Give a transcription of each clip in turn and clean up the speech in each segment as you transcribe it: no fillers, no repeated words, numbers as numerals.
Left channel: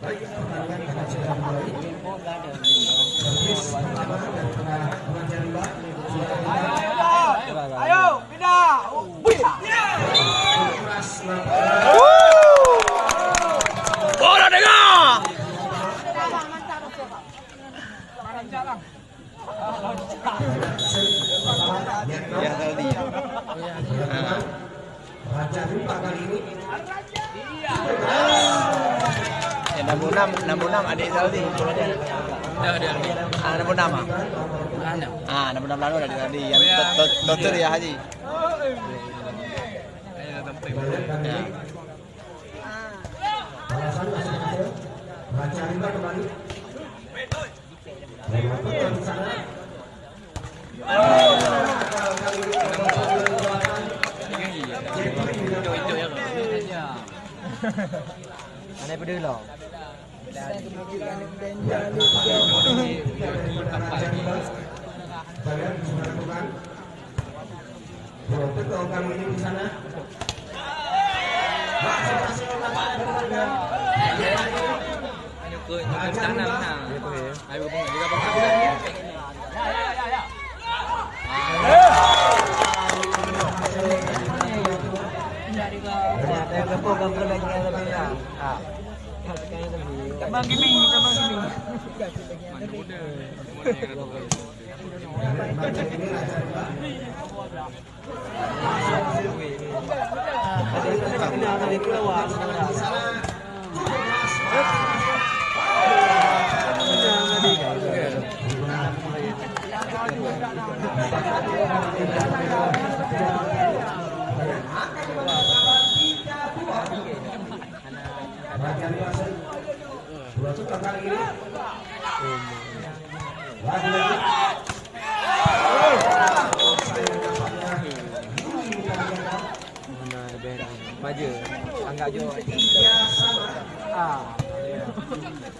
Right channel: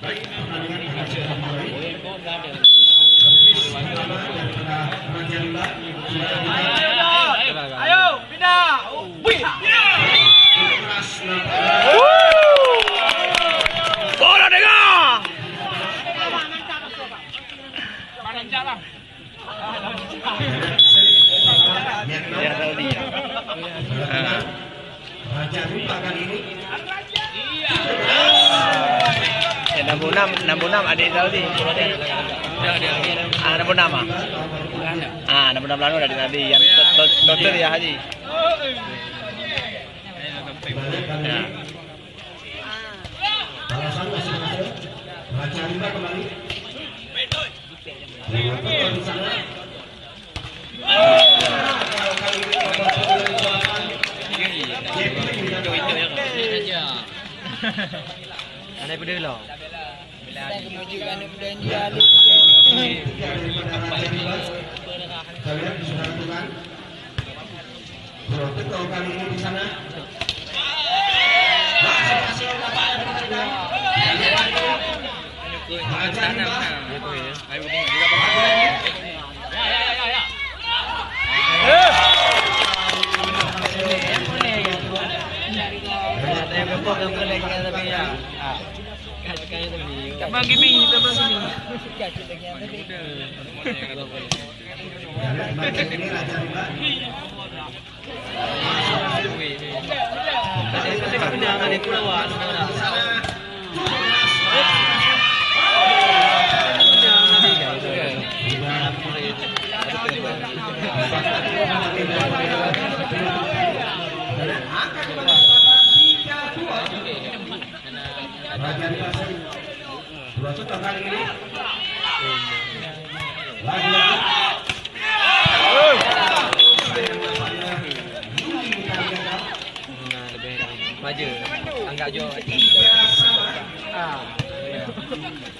Baik, pertandingan akan segera dimulai. Servis pertama daripada Raja Rimba sudah kita. Ayo, pindah. Keras Bola dengar. Ya tahu dia. Raja Rimba kali ini. Ya 66 adik Saudi. Ah 66 ah. Ah 66 lalu dari tadi yang dokter ya Haji. Ya. Balasan masih ada. Raja Rimba kembali. Lewat di sana. Mana pada lo? Kemajuan budaya lu. Kalian bisa lakukan. Betul kali ini di sana. Raja Rimba. Bagi minggu sama sini. Ini Raja Rimba. Raja Rimba dua sudah kali ini. Lagi-lagi. Maju, angkat jo.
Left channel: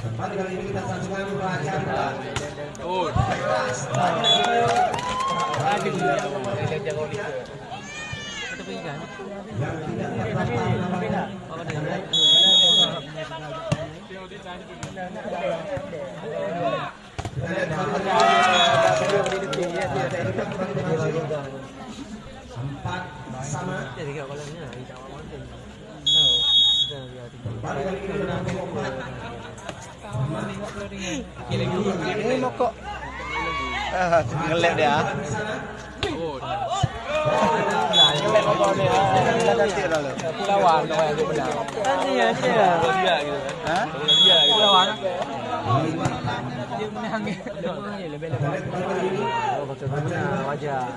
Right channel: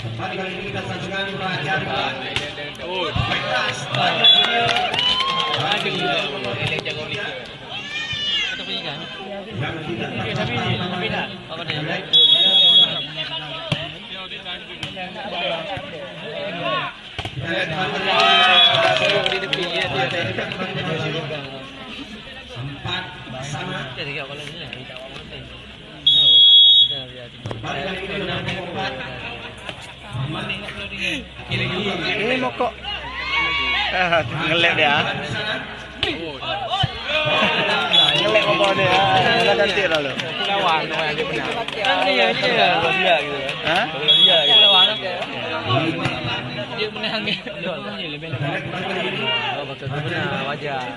Kembali kali ini kita saksikan Raja Rimba. Yang tidak tercapai namanya. Kita lihat empat sama. Kembali kali ini dengan empat. Ini mokok. Ngelep dia. Ngelep apa dia? Udah cantik lalu. Hah? Dia menang ni. Lemah ni lebih lemah. Oh betul wajah.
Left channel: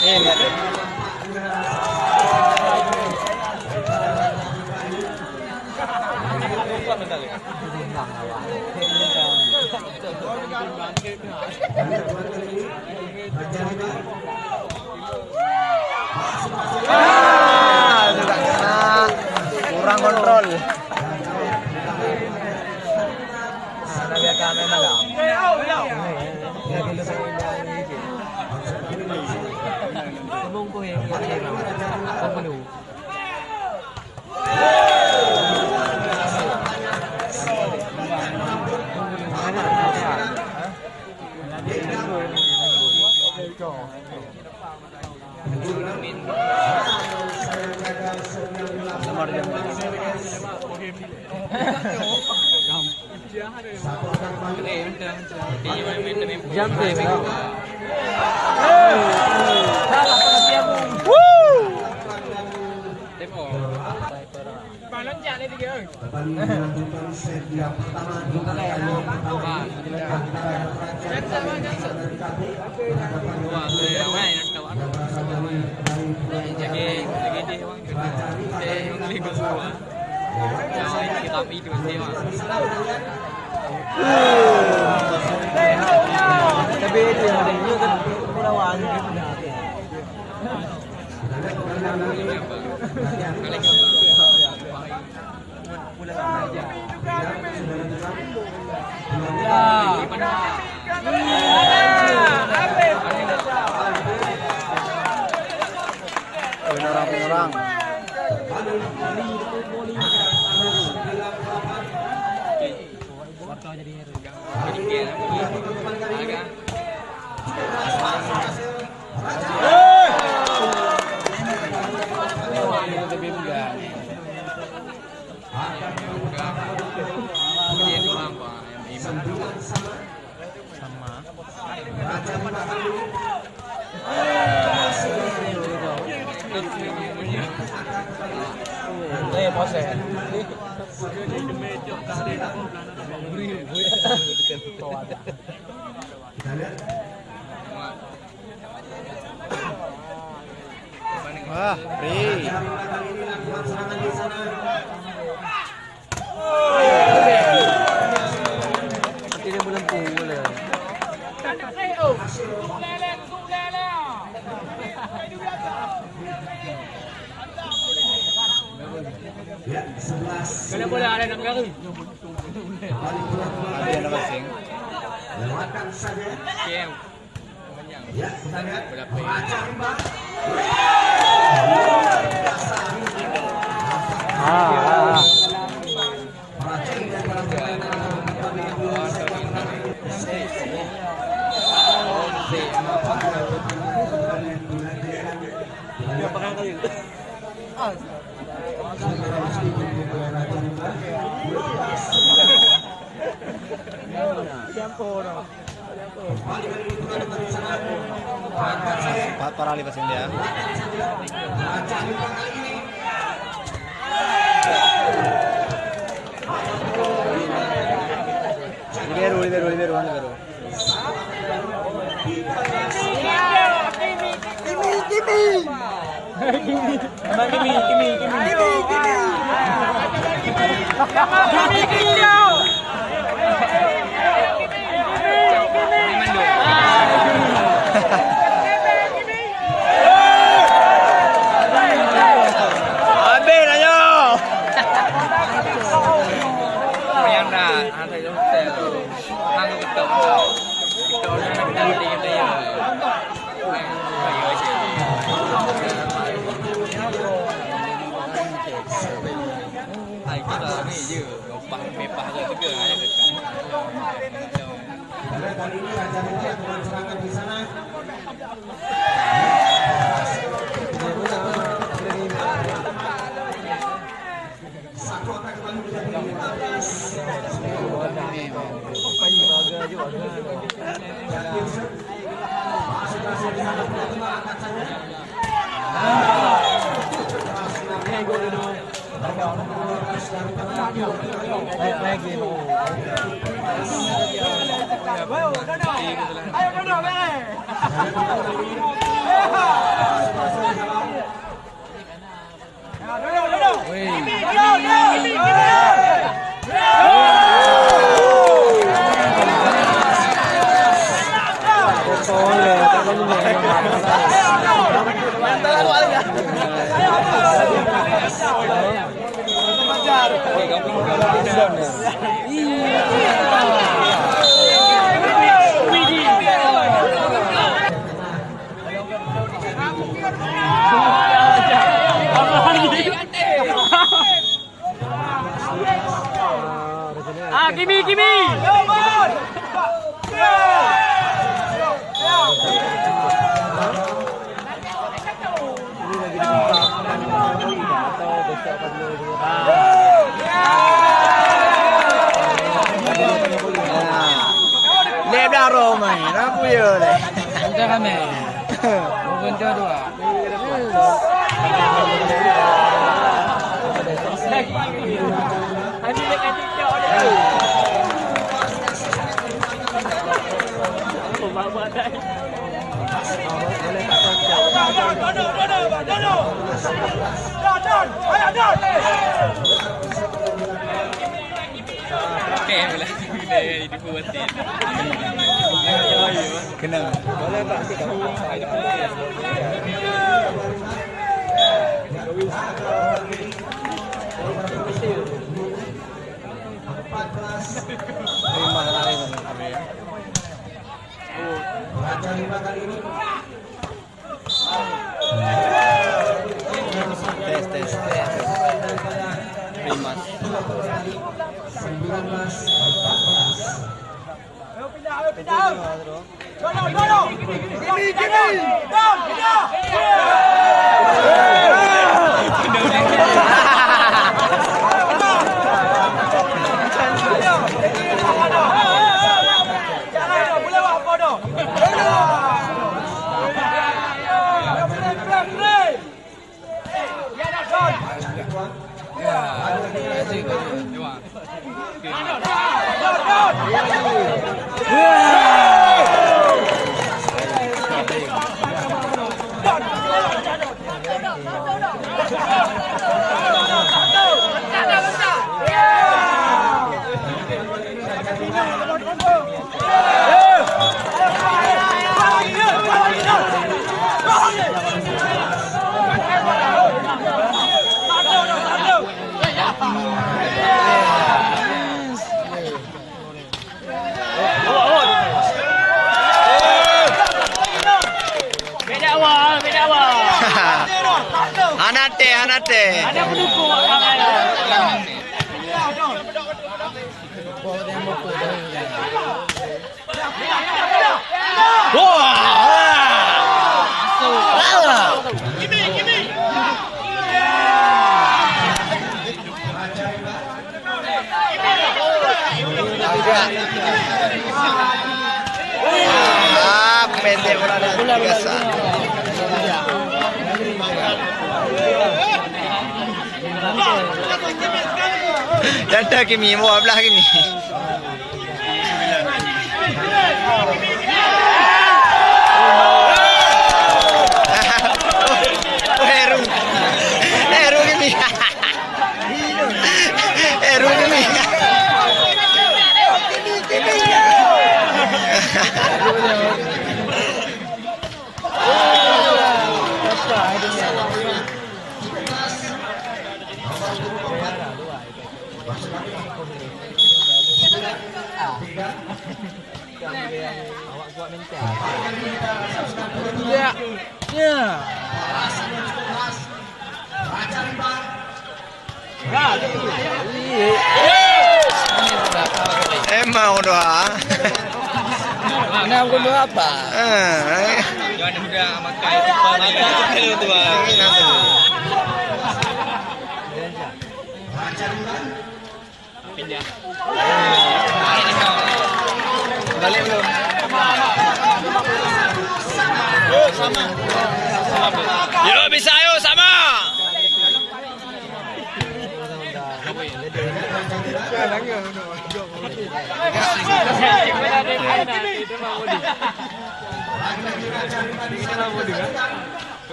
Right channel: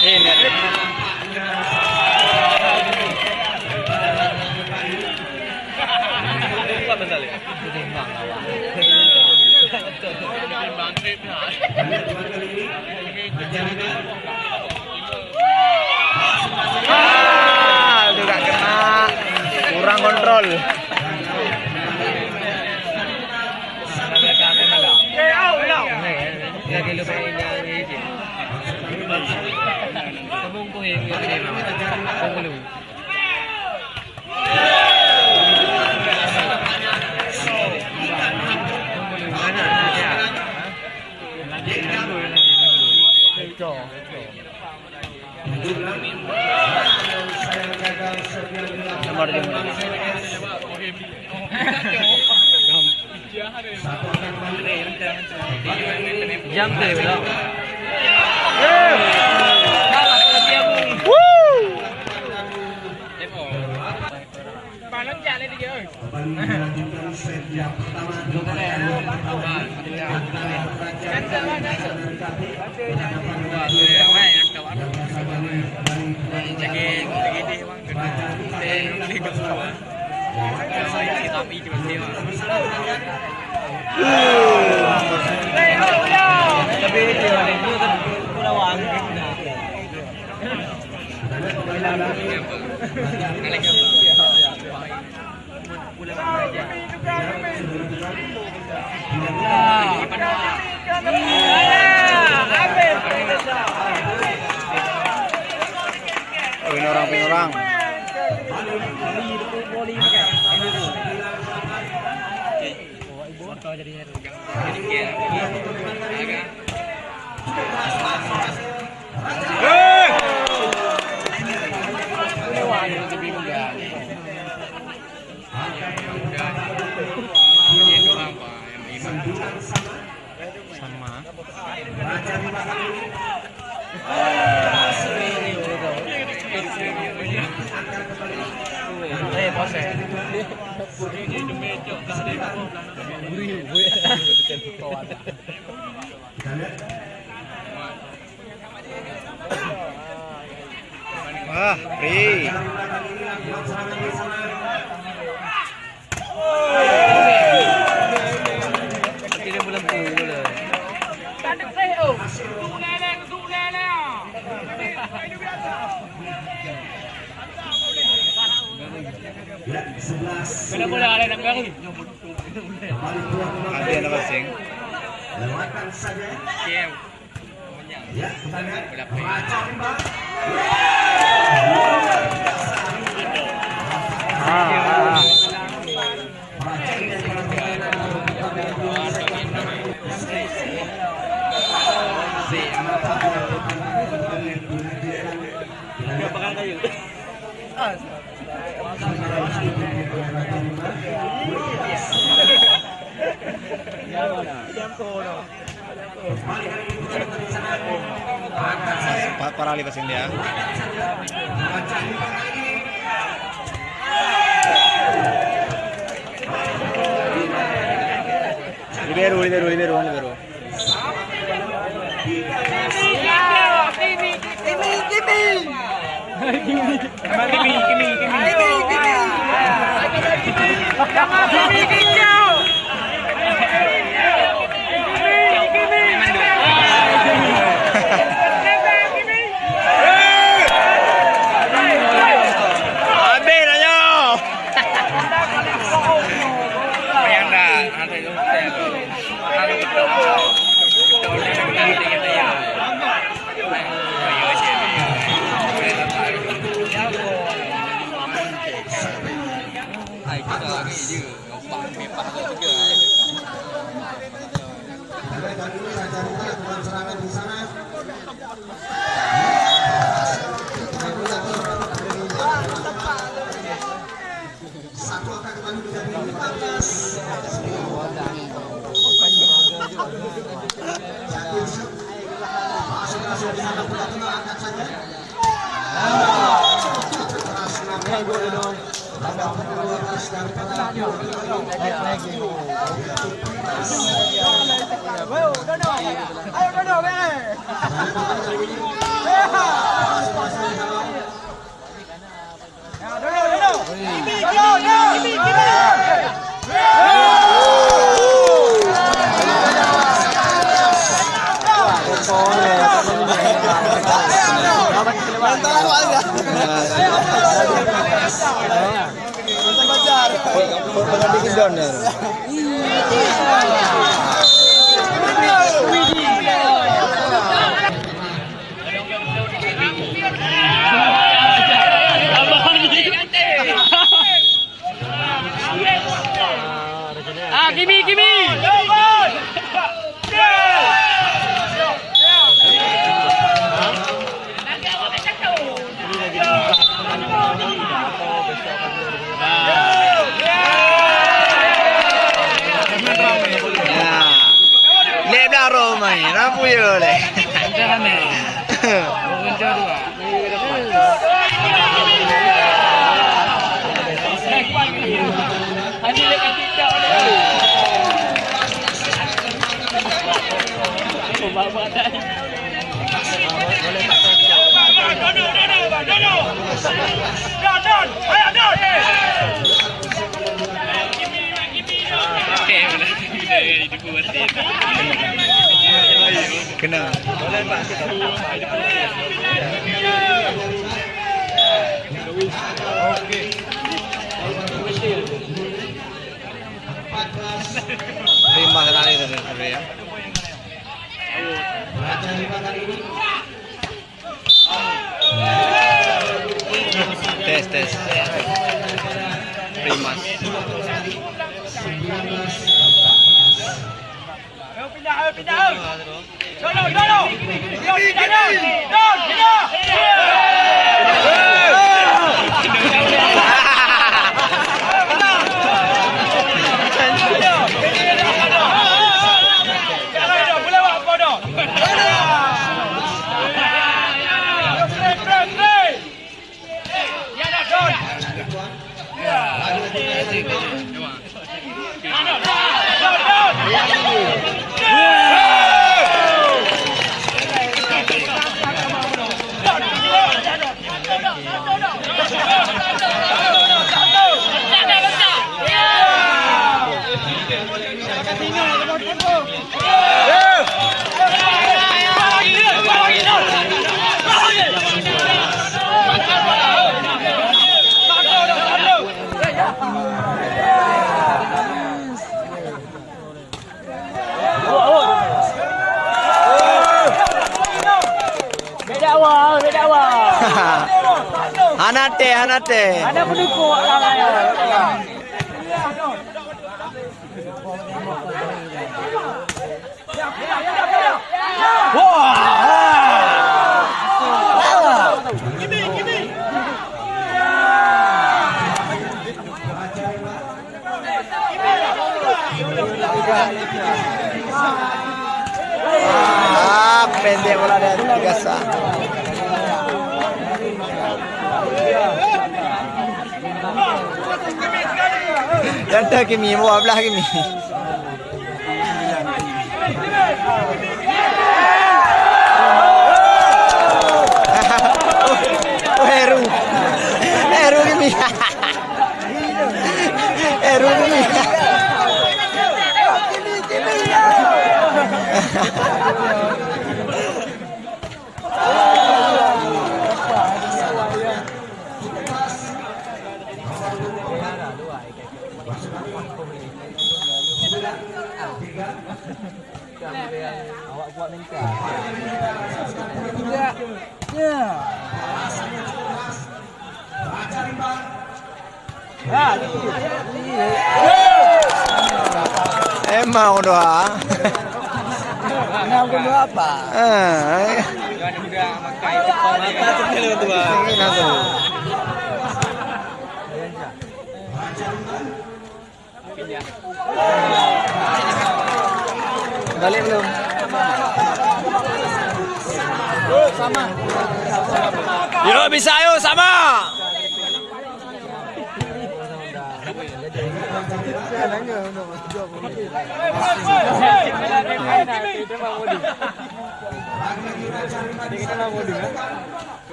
Enak. Tidak kena, kurang kontrol. Melanjutkan set yang pertama antara Raja dari tadi berhadapan dengan yang berasal dari Raja Tapi itu yang ini kan pulauan gitu dah. Orang. Sama. Wah, free. Mana boleh ada nak garu? Ada yang passing. Lewatkan saja. Ya, kita lihat. Raja Rimba. Perhatian dari para pemain Para lipasin dia. Libero. Kali ini Raja Rimba lakukan serangan di sana. Satu angka kembali menjadi 15. Masuk di sana pula tengah angkat saja. Keras namanya. Babak 12 dari Kimi. Lebih Roma ini, apa ya le? Boleh Kena. Boleh Pak, lima kali tadi ya. Raja 5 kali ini. Tes. Primas. 放て放て。Ada pendukung tangan. Ah, pendek bola biasa. Ada Kimi, mau belah Kimi. Heru Kimi. Heru Kimi. Awak buat minta. Ya. Emang doa. Nak benda apa? Jangan juga makai itu balik belum? Sama. Yo bisa yo sama.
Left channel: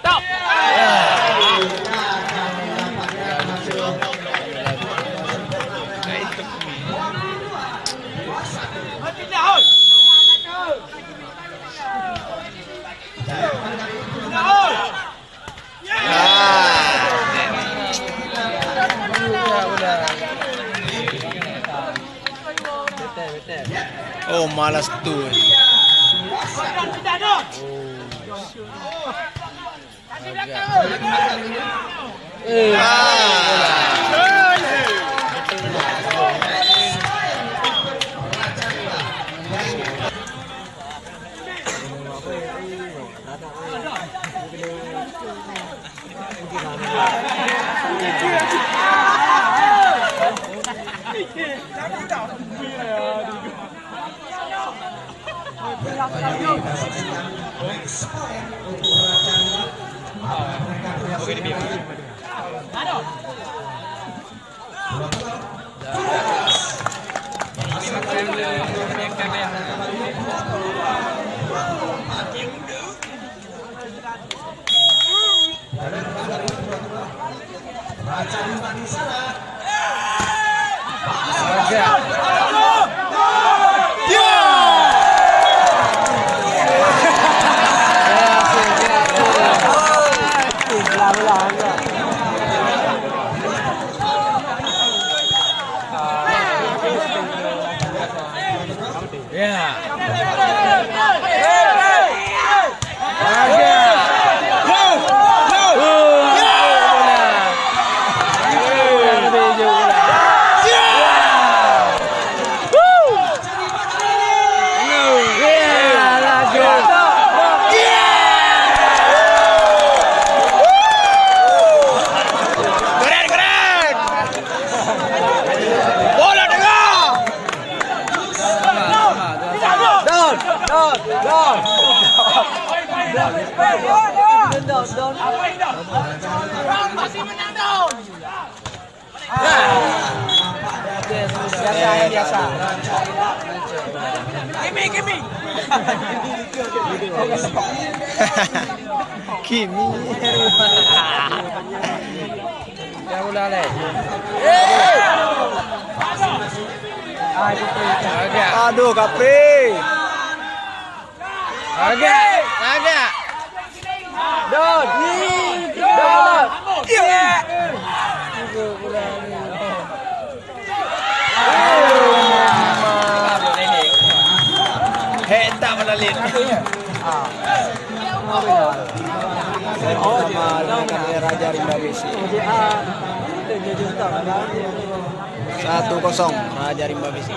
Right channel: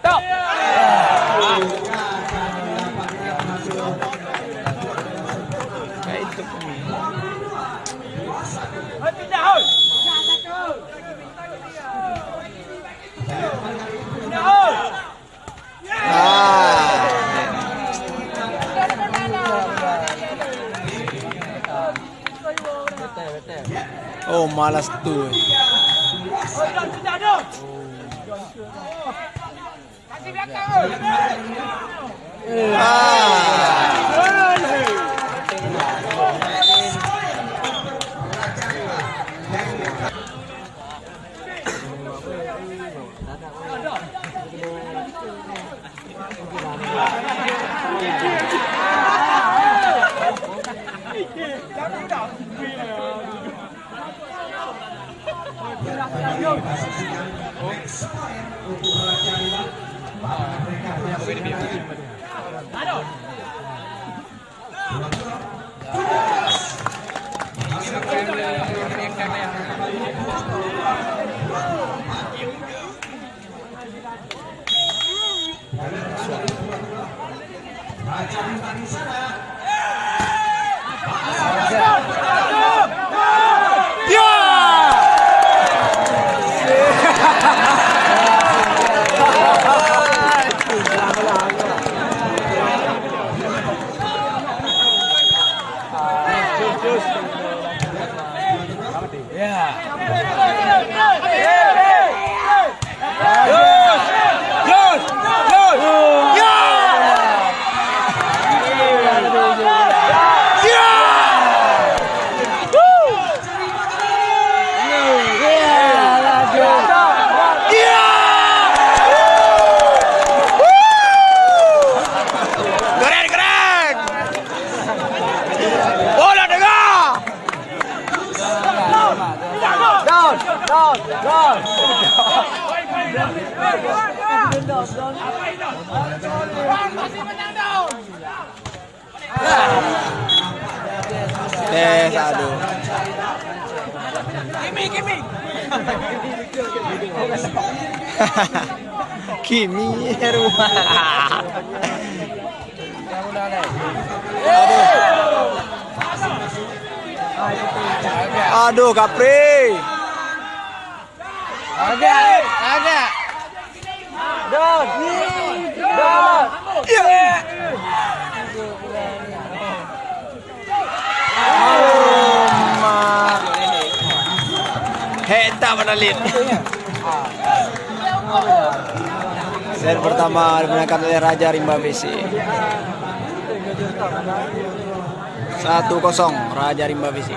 Stop. Oh, malas tuh. Raja Bintang di sana. Kimi aduh Kapri agak Don heta menalit set pertama dimenangkan oleh Raja Rimba BC 1-0 Raja Rimba BC.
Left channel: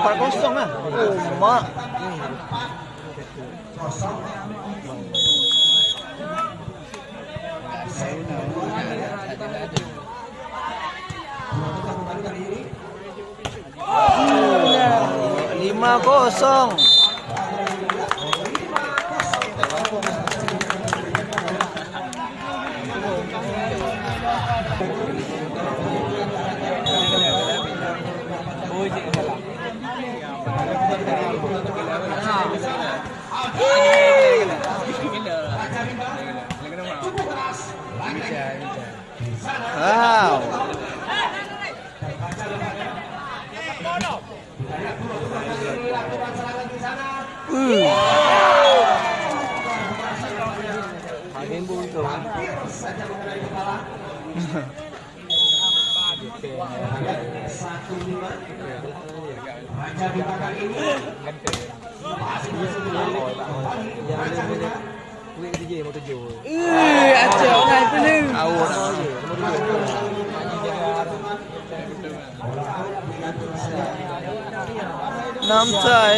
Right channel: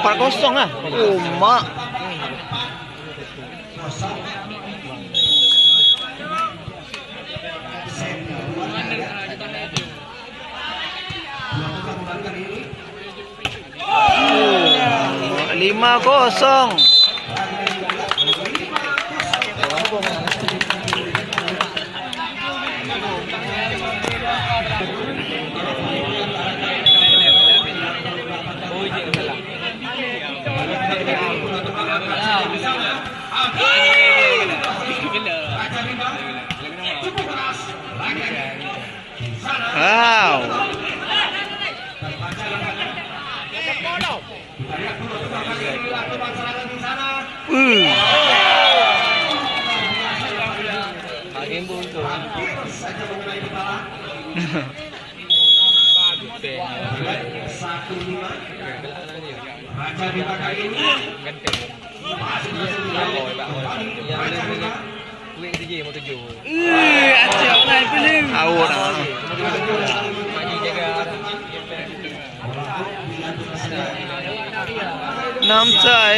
Empat kosong lah. Mak. Lima kosong. Wow. Raja di belakang ini. Namsai.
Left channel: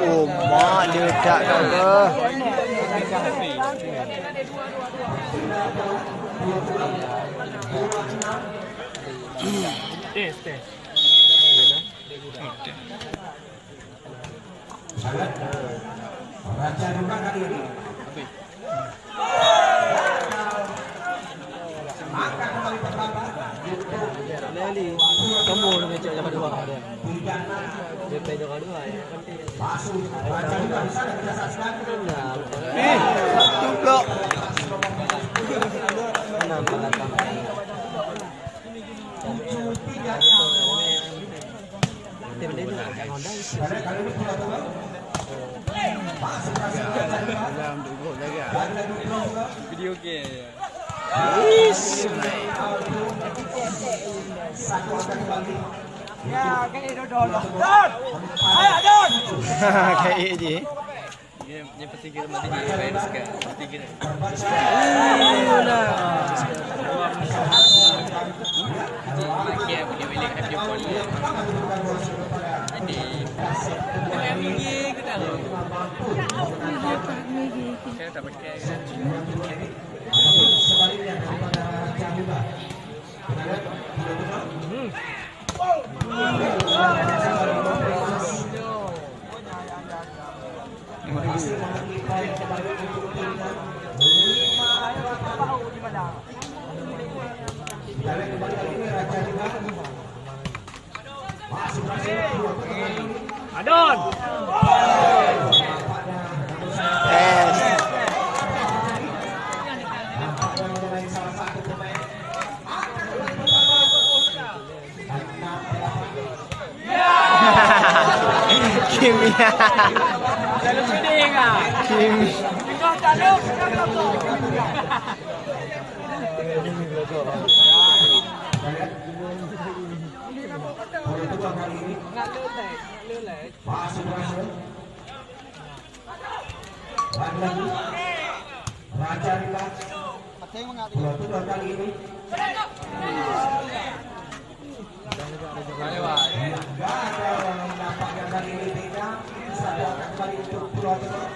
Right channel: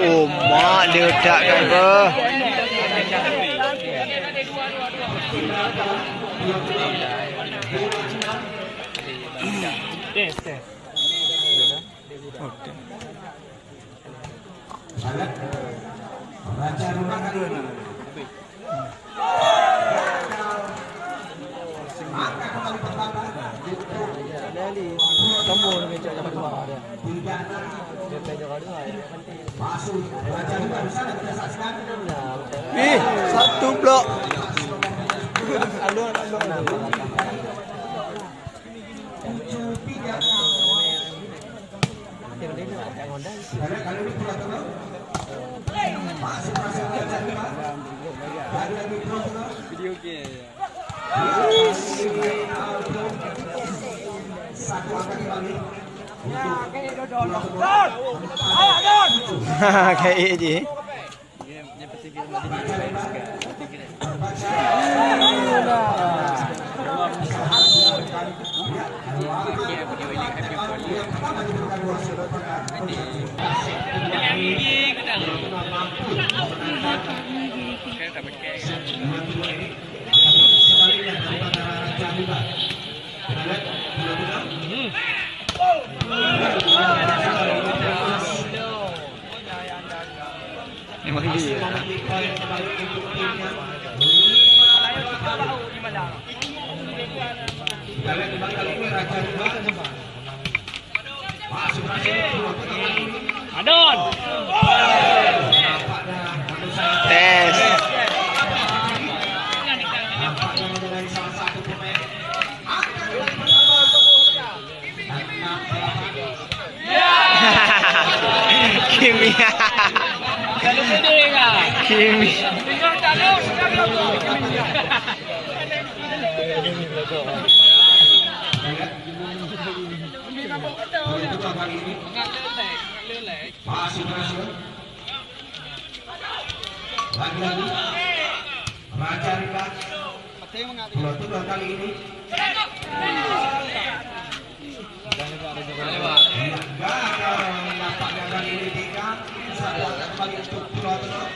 Oh, mak ledak kan ke? Kita lihat Raja Rupa kali ini. Maka kembali bertambah untuk Kamu macam dapat dua ada. Bulgana. DP juga dua ya. Masuk Raja Rupa di sana kita saksikan. Satu blok. Kali ini pulau tengah. Masuk Raja Rupa. Lagi pulau tengah. Video ke. Satu angka kembali. Kayak ini. Dia pasti kira mati di fans ke. Pasti kira. Sebaliknya daripada Raja Rupa. Kita lihat pulau tengah. Masih memiliki poin kembali untuk timnya. Kita lihat kembali kali ini Raja Rupa. Masuk Raja Rupa. Adon. Tes. Nampaknya mengenai salah satu pemain. Kimia. Kalau sedih ah. Kimia. Kedua kali ini masih berhasil. Lagi-lagi Raja Rupa. Pulau kedua kali ini. Nampaknya kali ini Bika satu angka kembali untuk Pulau Tengah.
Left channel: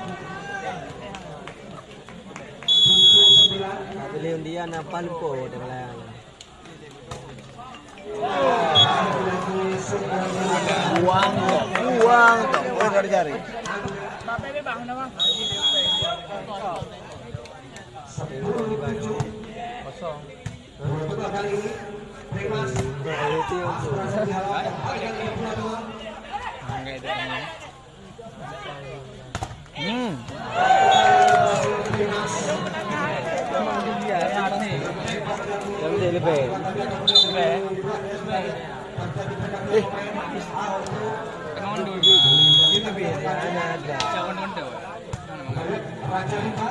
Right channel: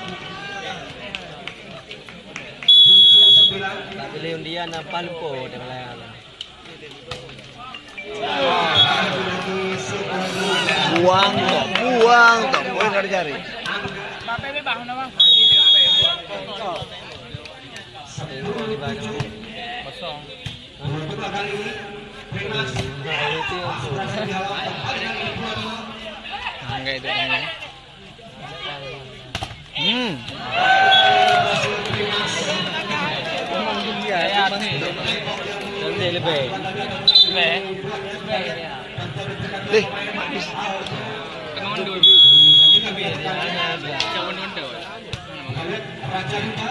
7-9. Tak boleh undian apa lupa dia malah. Buang tak boleh cari-cari. Pulau Tengah kali ini Primas berhasil dihalau kembali kali ini Pulau Tengah. Enggak itu ini. Nanti lebih. Raja Rupa.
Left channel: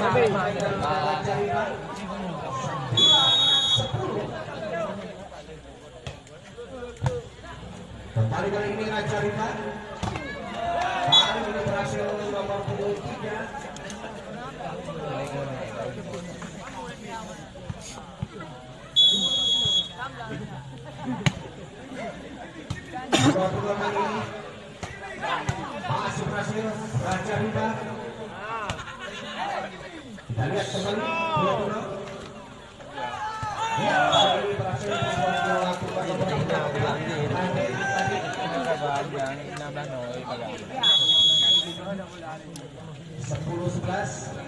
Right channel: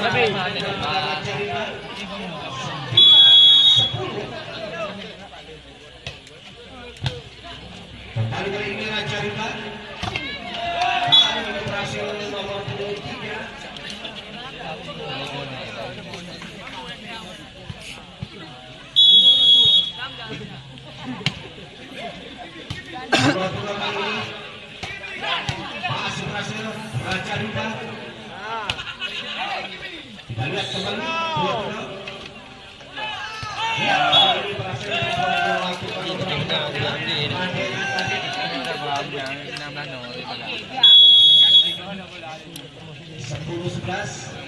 Lebih. Kembali kali ini Raja Rupa. Kali ini berhasil nomor 3. Pulau Tengah kali ini masih berhasil Raja Rupa. Kita lihat kembali Pulau Tengah. Ya, kali ini berhasil melakukan beberapa 10-11.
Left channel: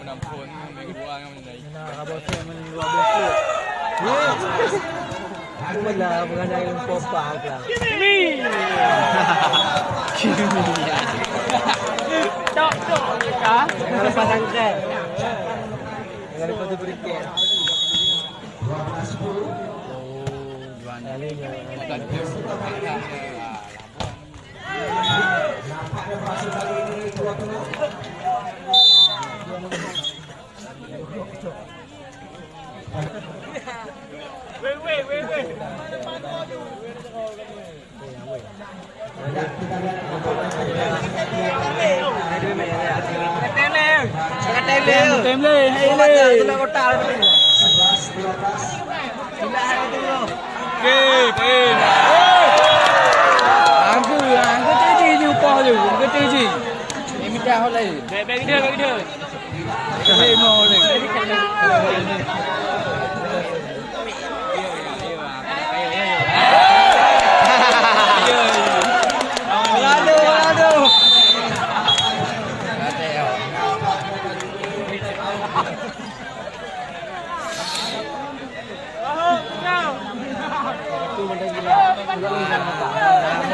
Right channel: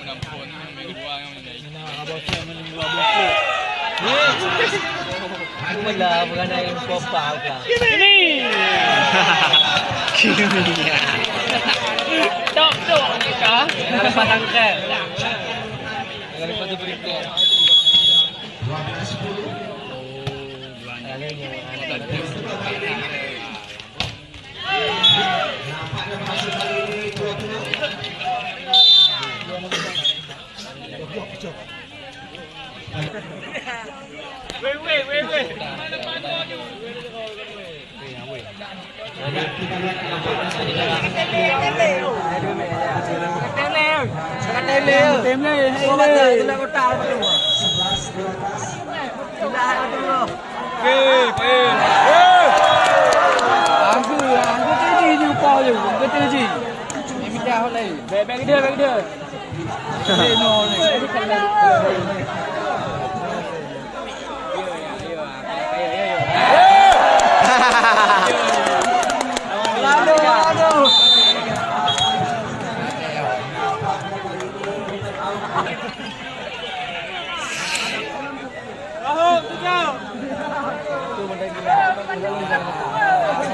Wala, maganda yung pop-up lang. Kimia. Tok, ka? Parang ka. Ngayon pa ito berikut. 12-10. Nampaknya berhasil kali ini Pulau Tengah. Kita lihat Bagi dia.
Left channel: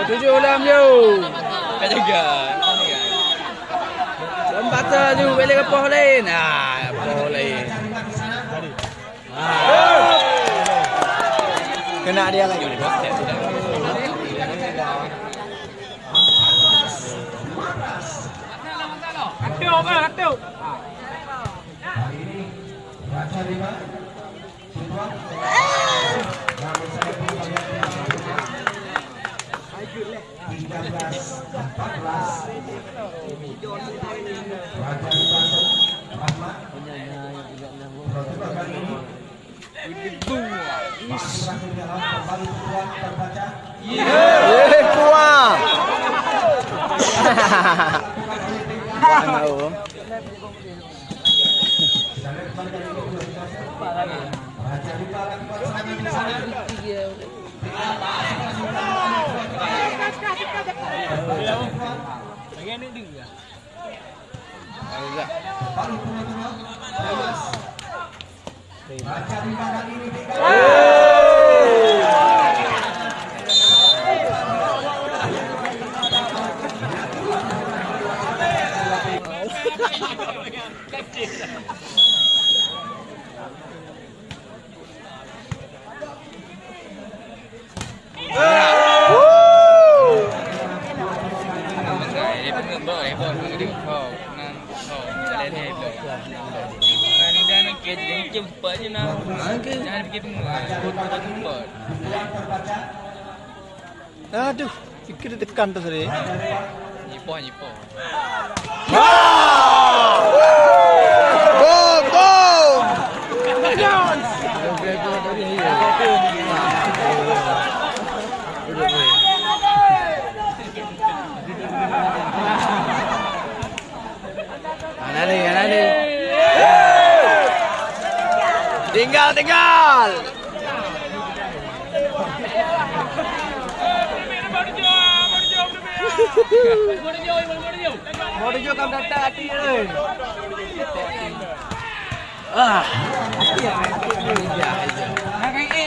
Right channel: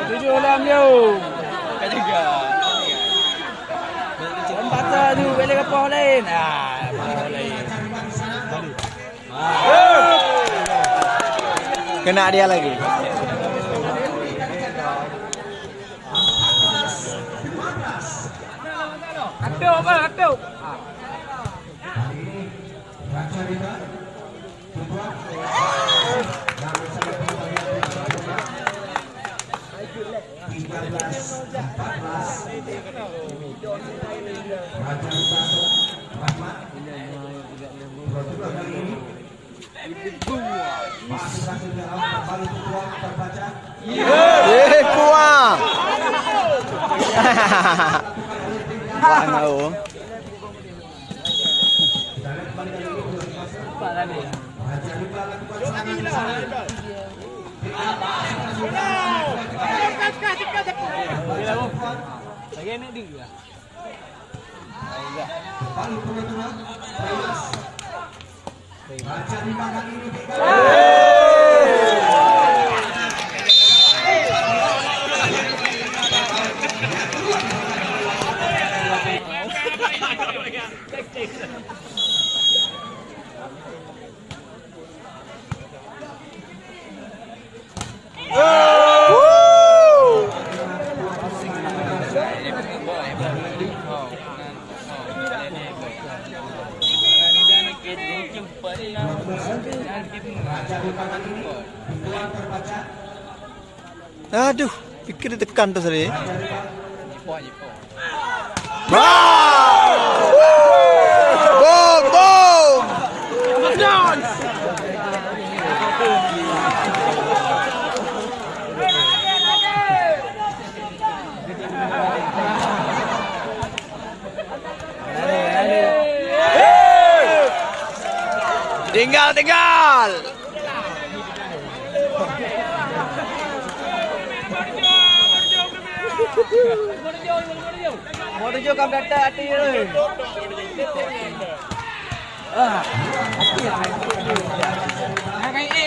Tujuh dalam je. Ketiga. Empat tu boleh ke poh lain. Poh lain. Kena dia lagi. Hati. Raja Lima, Cipwa, namun saya pembagian 13-14. Raja Lima, Rahmat. Kedua kali ini Pak Asrafil Dalam kembali Cipwa terbaca. Kuang. Kuang tahu. Raja Lima lakukan serangan di sana. Kembali dua-dua. Raja Lima kali ini Aduh, pikir ditekan tuh tadi. Nyipoh. Wow! Bom! Tinggal. Mau dijo kam kata hati oi. Hati ya.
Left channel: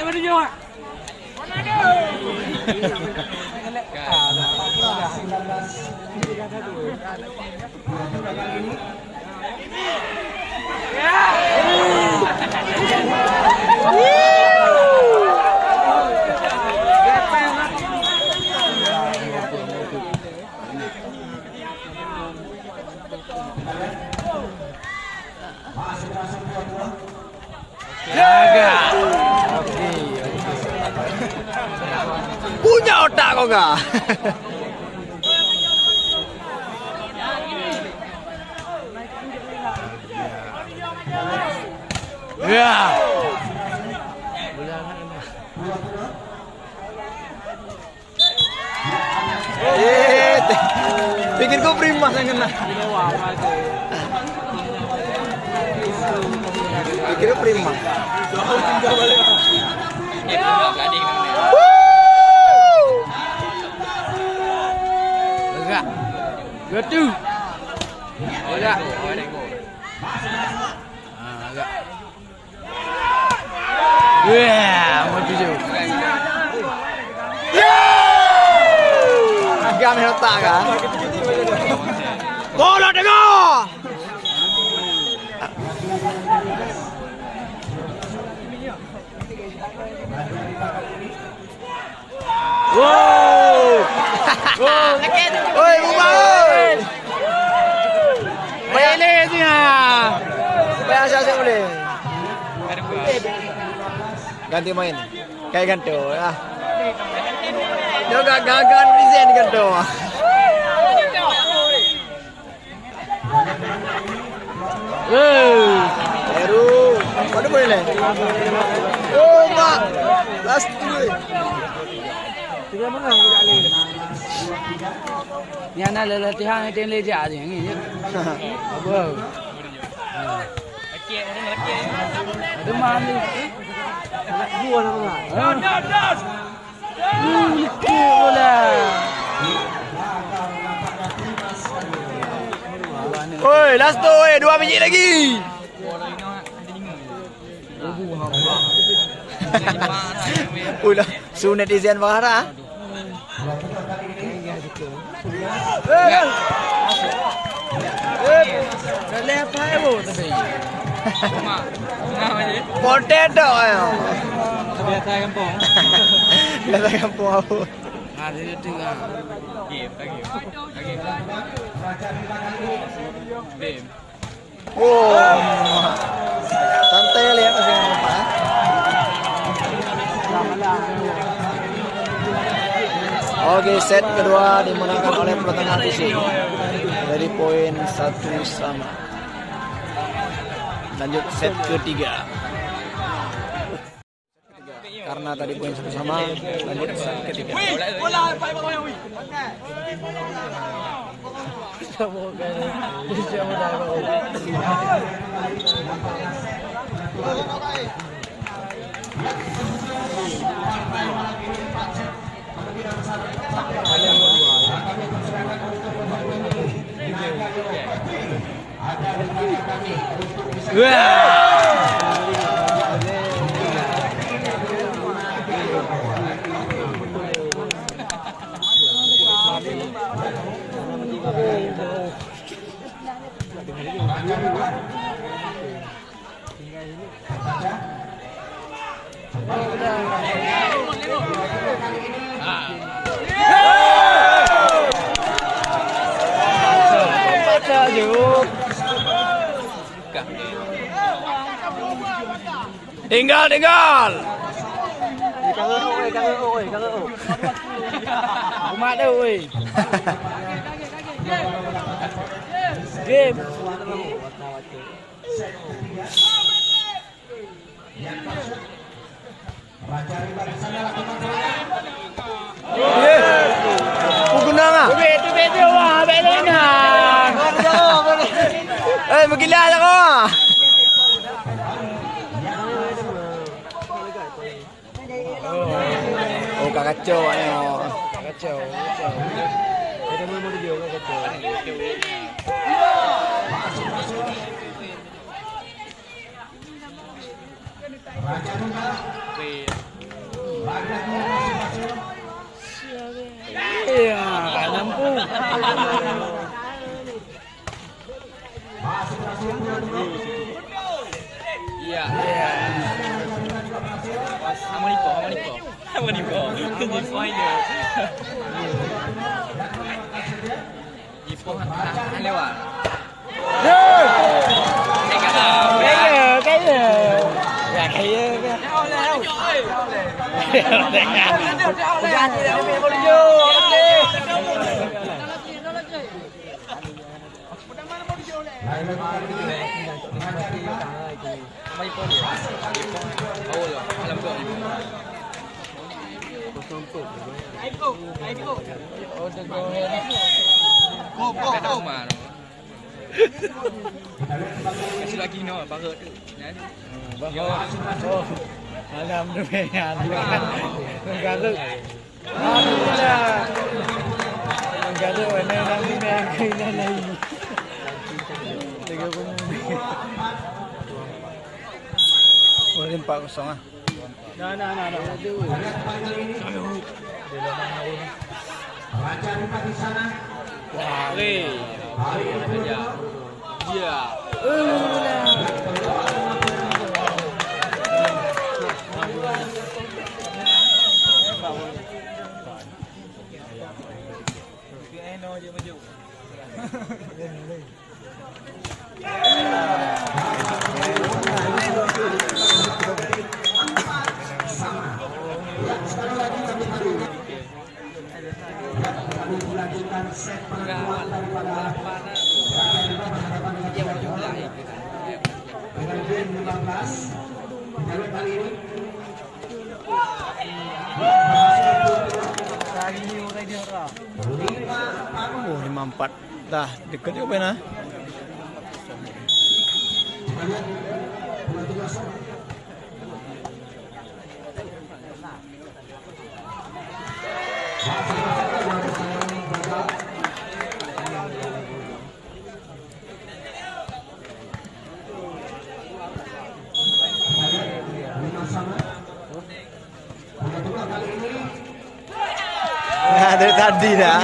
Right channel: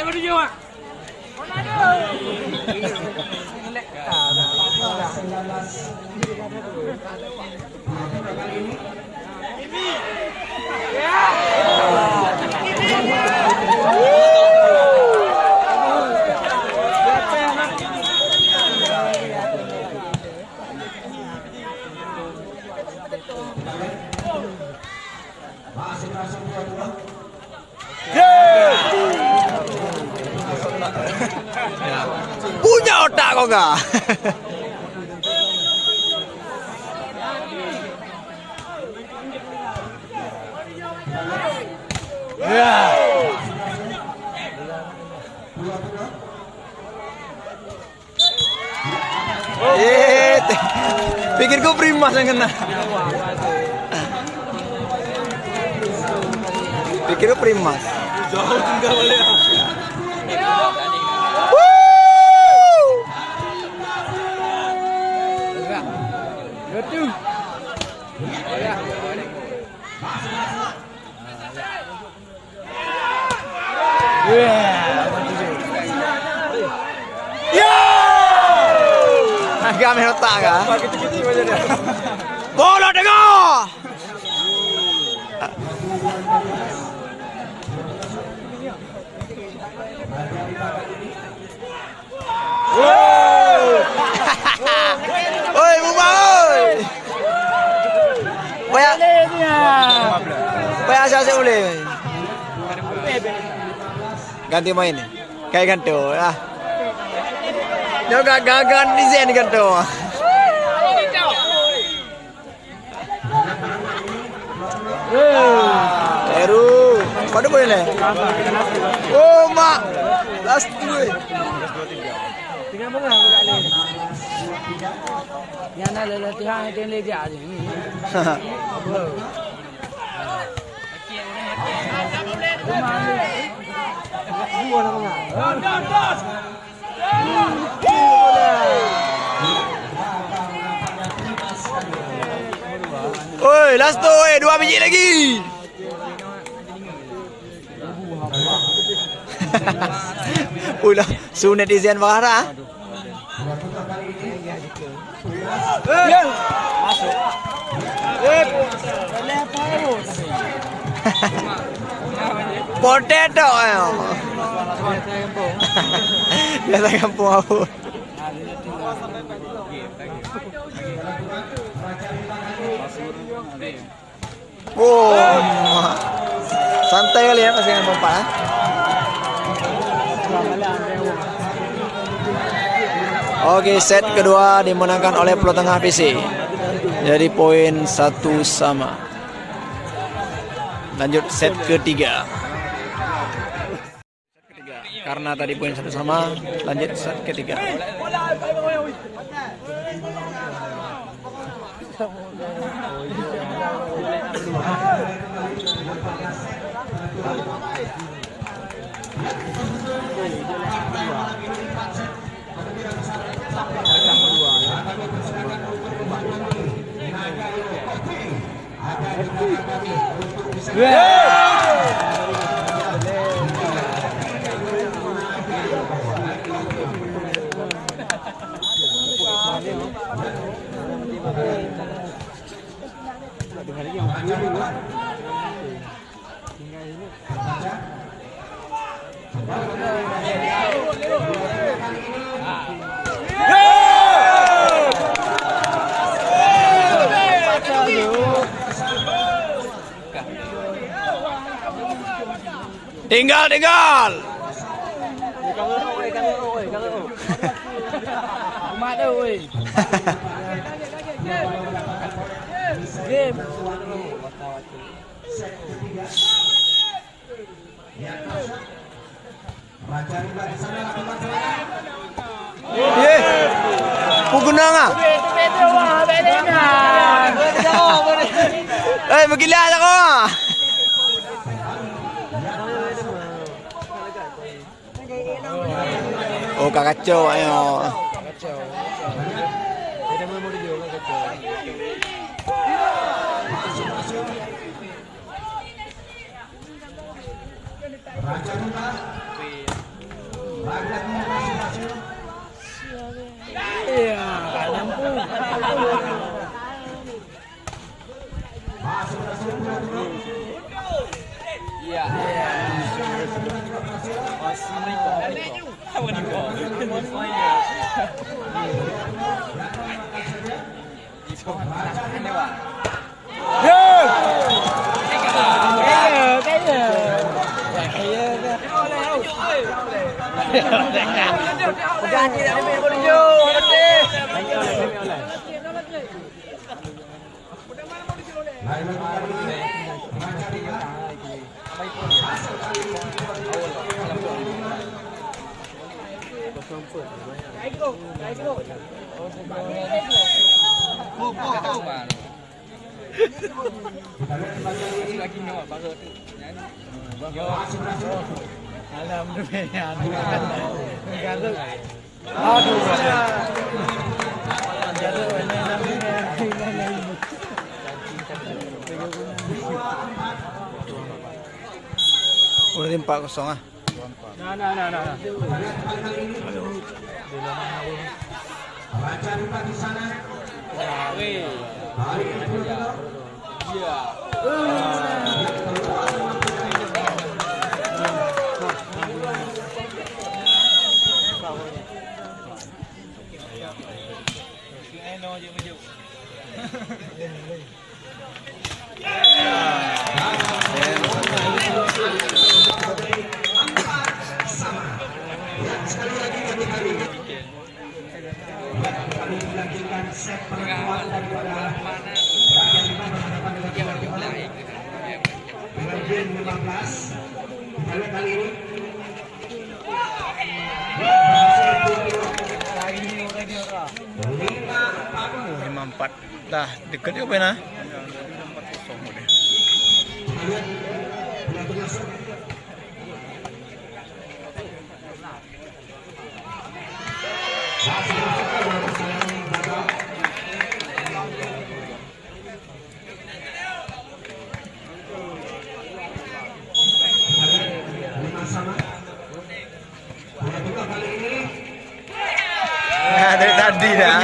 Mau dijo. Punya otak kok enggak? Pikir gue primas yang kena. Pikir gue primas. Betul. Agak aneh otak kan? Bola dengar! Oi, Bumai! Boleh dia. Biasa sih boleh. Ganti main. Kayak ganto ah. Dia gak gagal desain ganto. Baru. Mana boleh lah? Oh, mak. Last dulu. Tiga menang kita alih. Yang nak latihan itu le dia ada ni. Dua nama. Oi, last tu, 2 biji lagi. Ulah Su netizen marah. Potato ayo. Biasa kampung aku. Oh, santai kali ya masih ngomong Pak. Oke, set kedua dimenangkan oleh Pulau Tengah PC. Dari poin 1-1. Lanjut set ketiga. Karena tadi poin 1-1, lanjut set ketiga. Tinggal. Umat dia, oi. Game. Pugunang ah. Magkilala ko ah. Oh, kakacau ayo. Kacau. Kita mau video kacau. Iya, nggak mampu. Iya. Udah 4-0 ah. Nah. Iya. Kami dilanjutkan set pertemuan daripada Raja Rimba berhadapan dengan Jawa Timur dengan game 15. Kita lihat kali ini Oh, 5-4. Dah dekat ke apa nah? kita lihat bola tugas. Sama. Bola tunggal kali ini Nah, dari tadi dah.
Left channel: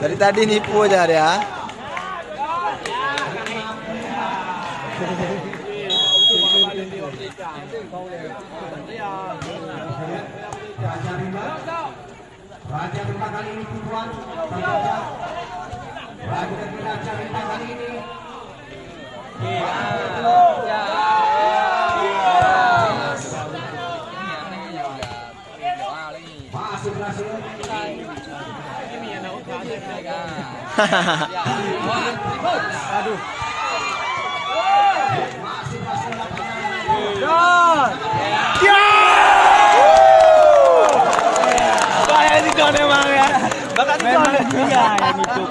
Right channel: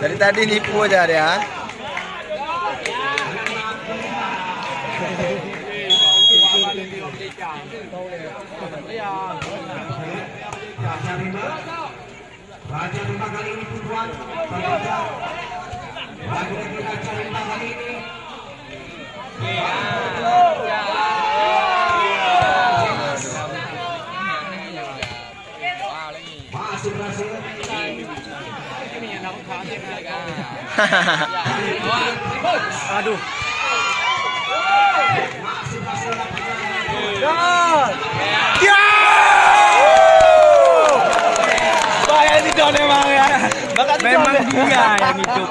Dari tadi nipu aja dia. Raja 5 kali ini tujuan Raja 5 kali ini masih berhasil. Aduh. Masih berhasil Saya ini Don emang ya. Memang dia yang itu.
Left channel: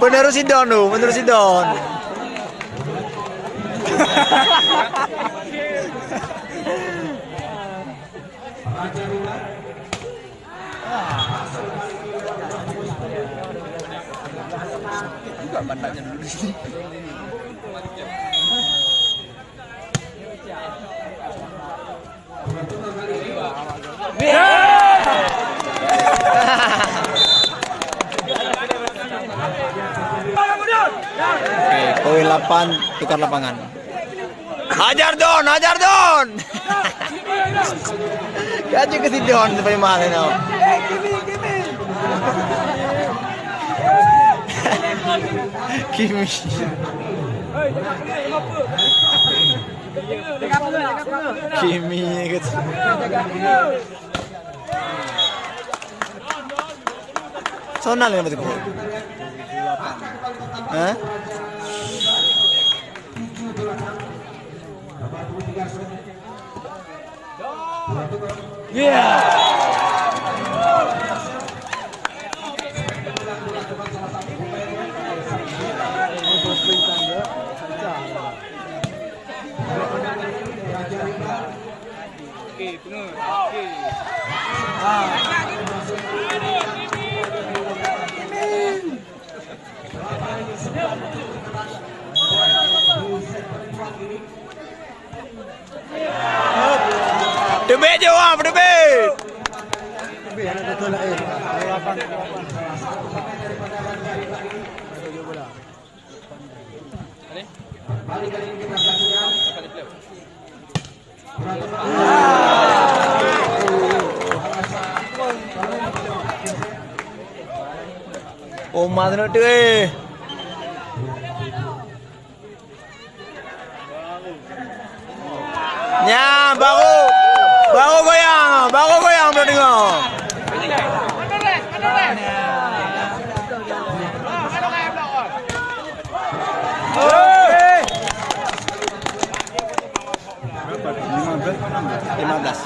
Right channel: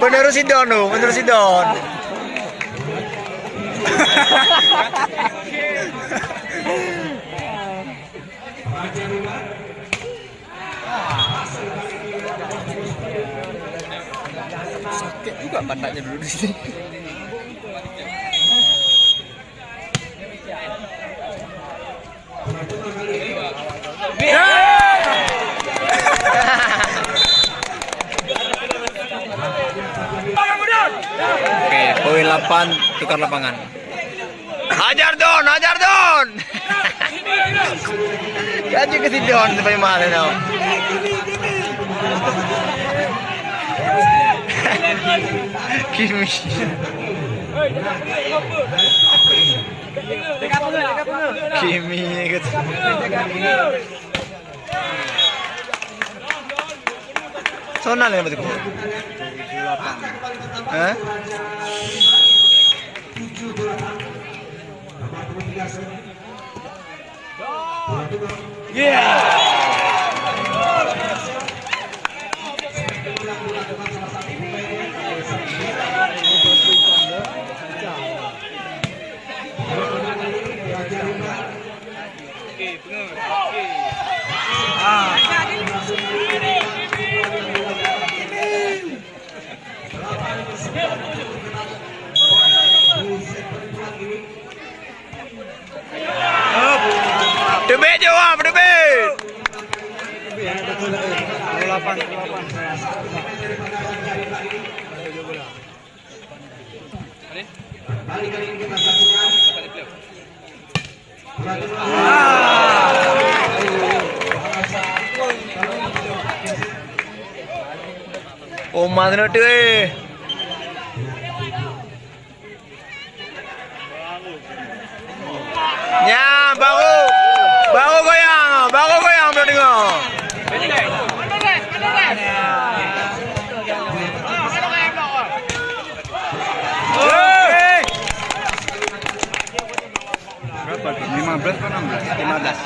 Penerus si Don tuh, penerus si Don. Raja 5 Juga pandanya dulu di sini. Oke, poin 8 tukar lapangan. Hajar Don, hajar Don. Gaji ke si Don sampai mana now? Kimi. Kimi ikut. Sonal ya betul. Hah? Debet jawab, debet. Balik kali ini kita saksikan. Oh, mana tu eh? Ya, baru goyang boleh tengok. Berapa? 15 atau 16? 15.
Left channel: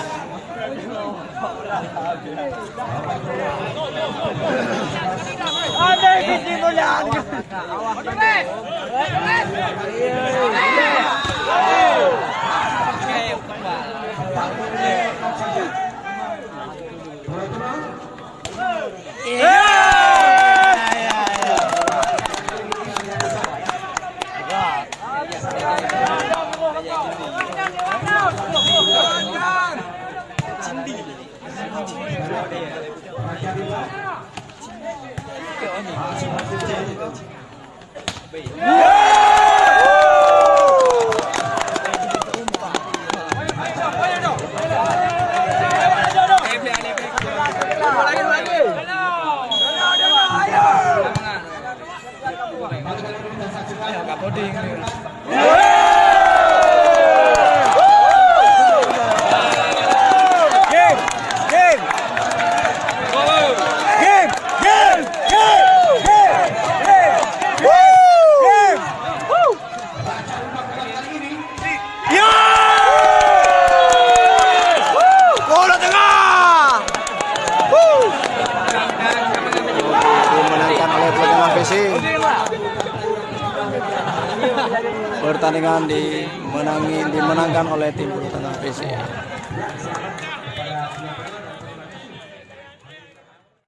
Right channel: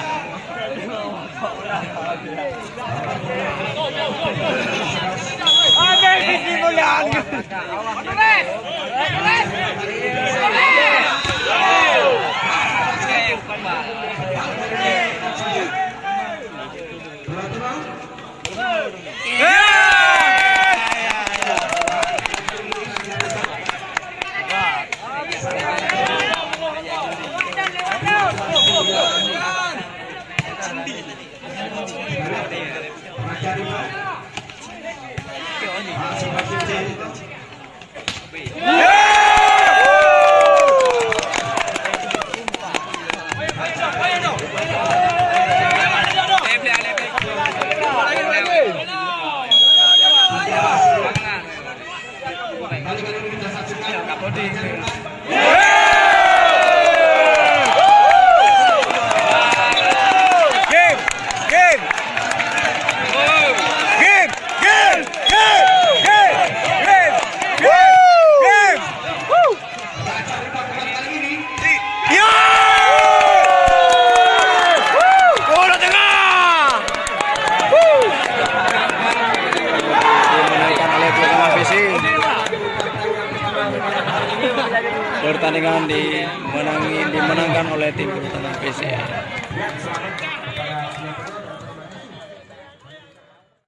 Pertandingan dimenangkan oleh tim Bulu Tengah PC.